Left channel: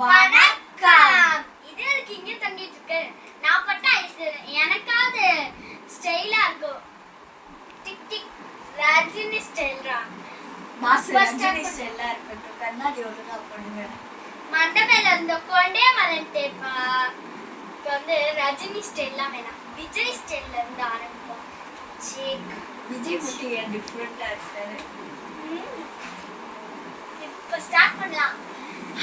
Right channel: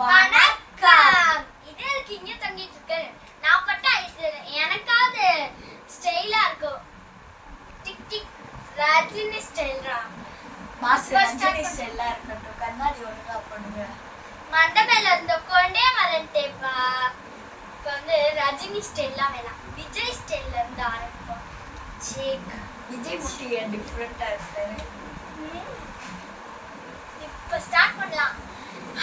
வணக்கம். இது இங்க தங்கிட்டு இருக்கு. நான் பட்டா இது எனக்காவது ஸ்டைலா இருக்கும். டிக் டிக் ரஜினி ஸ்டைல்ரா. மாஸ் ரஜினி ஸ்டைலா இருக்கட்டும். கண்ணாடி ஒழுங்கா பண்ணுங்க. மண்டபேல இருந்த கொண்டே மறந்துட்டேப்பா. இப்போ வந்து ரஜினி ஸ்டைல்லாம் வேணாம். விஜய் ஸ்டைல்ல இருந்து ஆரம்பிப்போம். சேக் விஜய் முட்டி டிஃபரெண்டா இருக்கு. இப்போ ஸ்டார்ட் பண்ணலாம்.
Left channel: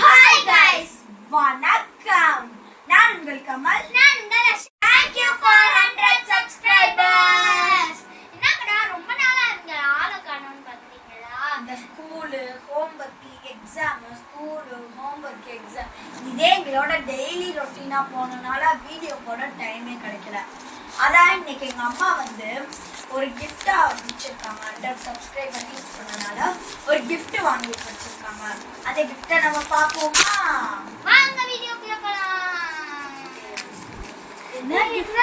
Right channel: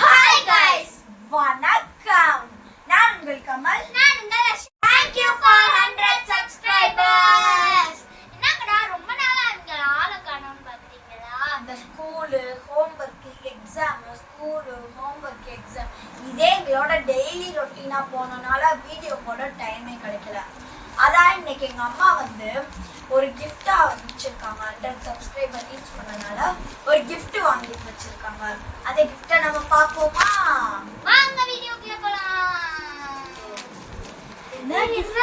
ஹாய் गाइस, வணக்கம். நான் உங்கள் கமல். நான் உங்கள் Ash. Thank you for 100 subscribers. என்னங்கடா ரொம்ப நாளா இங்க ஆள காணோம்னு பாத்தீங்களா? அந்த ஸ்கூல் ஹோம்வொர்க் எக்ஸாம் இதே எங்களோட டெய்லி ரொட்டீனா போனனால வீடியோ போட டைமே கிடைக்கல. அதான் இன்னைக்கு எங்க அம்மா வந்து ஒரு கிஃப்டா வச்சிருக்காங்க. 100 சப்ஸ்கிரைபர் ரீச் பண்ணனால ஒரு gift வாங்கி வச்சிருக்காங்க. அந்த கிஃப்ட்டை நம்ம பார்ப்போமா? வாங்க வீடியோக்குள்ள போலாம். என்ன gift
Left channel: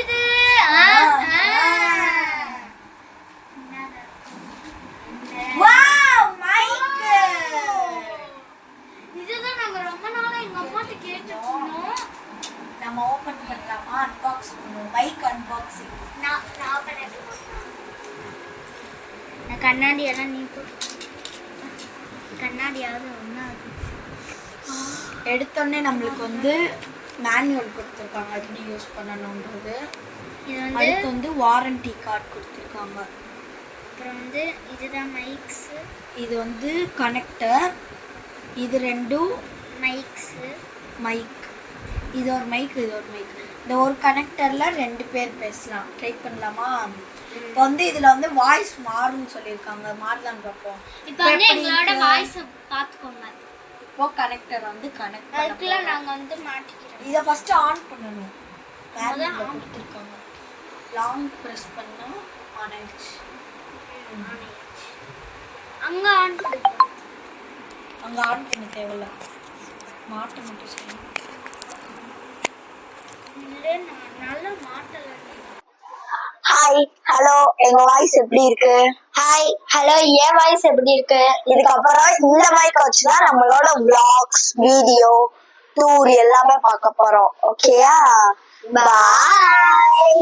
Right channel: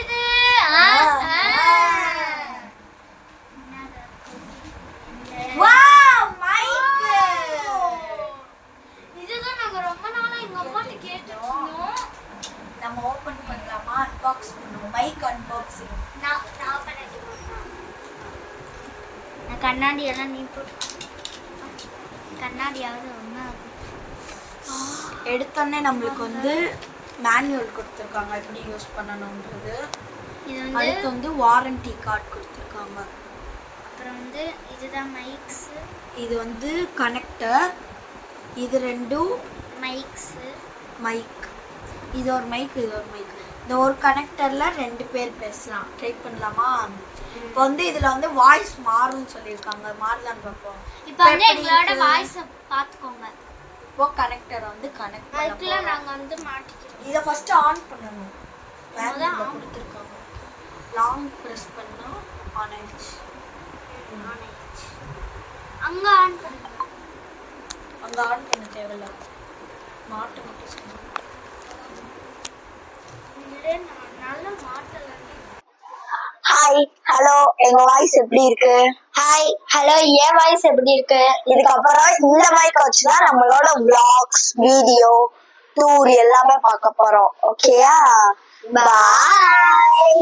இது? Wow, mic. இதுதான் நாங்க ரொம்ப நாளா எங்க அம்மாட்ட கேட்டுட்டு இருந்தோம். நம்ம ஓபன் பண்ணலாமா? அன்பாக்ஸ் பண்ணுவோம். Mic unboxing. நான் பண்ணது. நான் கண்ணாடி எல்லாம் நீ கண்ணாடியாவது ஒண்ணா எடுத்தோடனே நம்மளுக்கு வந்து மேனுவல் கொடுத்துருக்காங்க எப்படி யூஸ் பண்ணணுன்றது. இது வந்து அடுத்து வந்து வாரண்டி கார்டு கொடுத்துருக்காங்க. அப்புறம் வந்து இதுதான் மைக்ஸ். இது வந்து கனெக்டர். இது ரெண்டும் மைக்ஸ். மைக். இது ஒரு மைக், இது ஒரு மைக். இந்த ஒரு கனெக்டர்ல 2 பேர் பேசலாம். ட்ரை பண்ணலாமா? இப்போ வந்து இதுல வந்து வாய்ஸ் மாறும்னு சொல்லியிருக்காங்க. மாறுதான்னு பார்ப்போம். இப்போ வந்து எங்களோட வாய்ஸ் பாத்துக்கோங்க. இப்போ கனெக்டர் வந்து கனெக்ட் அதுக்குள்ள நாங்க வந்து மாட்டிக்கிறோம். இத ஃபர்ஸ்ட் ஆன் பண்ணனும். மேனுவல்ல கொடுத்திருக்காங்க. லாங் பிரஸ் பண்ணா ஆன் ஆயிடுச்சு. அங்க ஆன் பண்ணுங்க. அங்க ஆன் பண்ண தேவையில்ல. மாட்ட மட்டும் செய்யணும். இல்ல நல்ல மாட்டல. ஹாய், ஹலோ, எங்க வாய்ஸ் எப்படி இருக்கு? ஹாய், ஹலோ, ஏன் வாய்ஸ் எப்படி இருக்கு? இதுக்கப்புறம் இந்த மைக் வச்சுதான் நம்மளோட vlogs, வீடியோ, டூர் எல்லாமே பார்க்க போறோம். ஓகேயா? பாய்.